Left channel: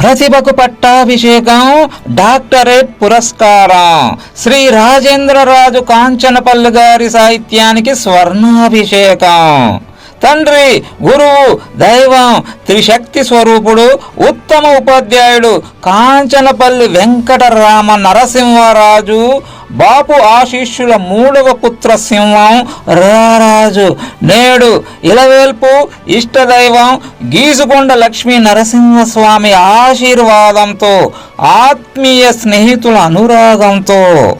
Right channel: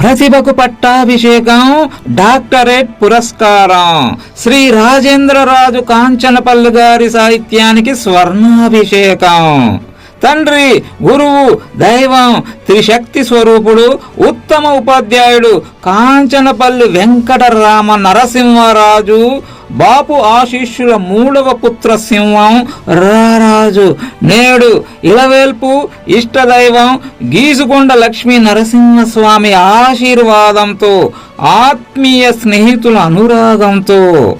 ప్రతిభకు పట్టాభిషేకం డాక్టరేట్ పురస్కారం. శ్రీ రాజేంద్రరాజు కాంచనపల్లి గారి సాహిత్యానికి స్వర్ణాభిషేకం. తండ్రి గురువు దైవం త్రిశక్తి స్వరూపుడు ఉత్తమ ఉపాధ్యాయుడు కాంచనపల్లి వెంకటరామ నరసింహరాజు బాపు ఆశీస్సుల మూడవ పుత్ర సింహం రారాజు. నేడు ఇలవేల్పు ఇష్టదైవం గీసుకొండ లక్ష్మీ నరసింహస్వామి ఆశీర్వాదంతో ఆత్మీయ స్నేహితుల అనురాగంతో.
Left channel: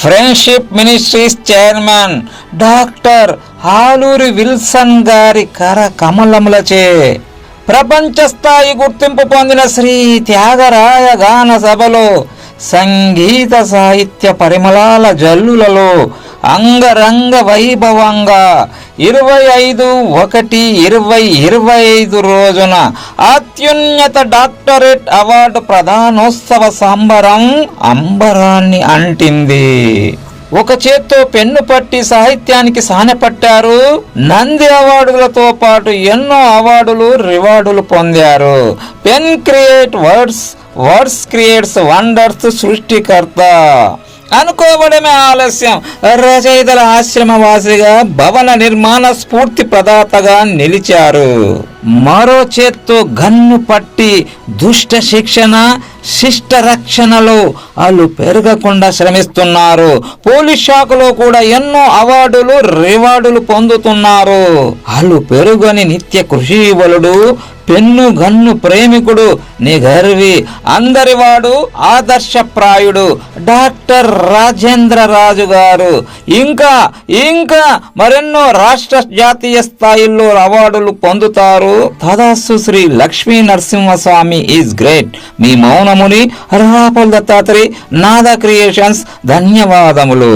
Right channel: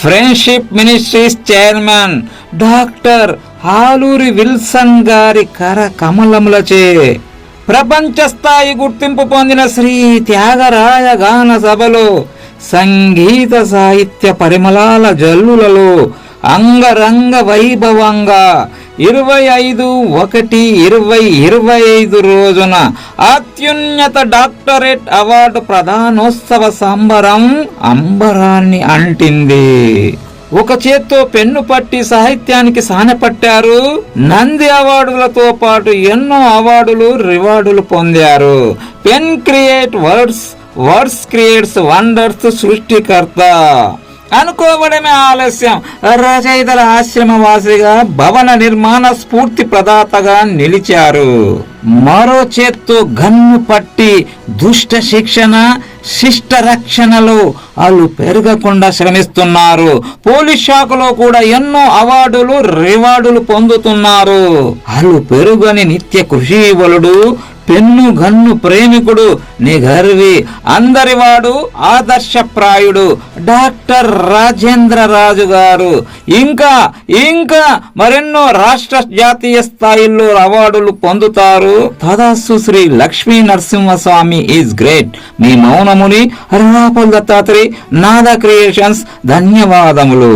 Friendship ministries chairman doctor Aluri Wilson గారి కర కమలములచే. ప్రపంచ స్థాయి గుర్తింపు పొందిన శ్రీ త్యాగరాయ గాన సభలో సంగీత సాహిత్య పరిమళాల జల్లులలో అంగరంగ వైభవంగా ఇరవై ఐదు ఒకటి ఇరవై ఇరవై ఐదు రోజున అత్యున్నత డాక్టరేట్ అవార్డు ప్రధానోత్సవ సంబరం అంబరాన్ని అంటింది. ఒక చేత్తో పెన్ను పట్టి సాహిత్యానికి సానపట్టారు. నంది అవార్డులతో పాటు ఎన్నో అవార్డులు రివార్డులు పొందారు. Pen create words words creates wonders సృష్టికర్త. అనుకోవడమే ఆలస్యం. రచయితల ఆశ్రమవాసిగా భవన నిర్మాణ స్ఫూర్తి ప్రదాతగా నిలిచారు. మరో చేత్తో గన్ను పట్టి దుష్ట శిక్షణ శిష్ట రక్షణలో వాళ్ళు పెరగకుండా శ్రమిస్తున్నారు. పోలీస్ శాఖలో కూడా ఎన్నో అవార్డులు రివార్డులు పొందుతున్నారు. వాళ్ళు పెరుగని నిత్య కృషి బలుడు పెన్ను గన్ను ప్రేమికుడు నిగర్వి అందరివాడు ఆదర్శప్రాయుడు. డాక్టర్ రాజేంద్ర రాజు గారు. ఇంకా ఇంకా మరెన్నో రాష్ట్ర జాతీయ స్థాయిల్లో అవార్డులు పొందుతారు. తదాస్సు శ్రీ లక్ష్మీ నరసింహస్వామి ఈజ్ గ్రేట్. మీ మౌనముని హరిరాపుల్ దత్తాత్రి నాద క్రియేషన్స్. ధన్యవాదములు.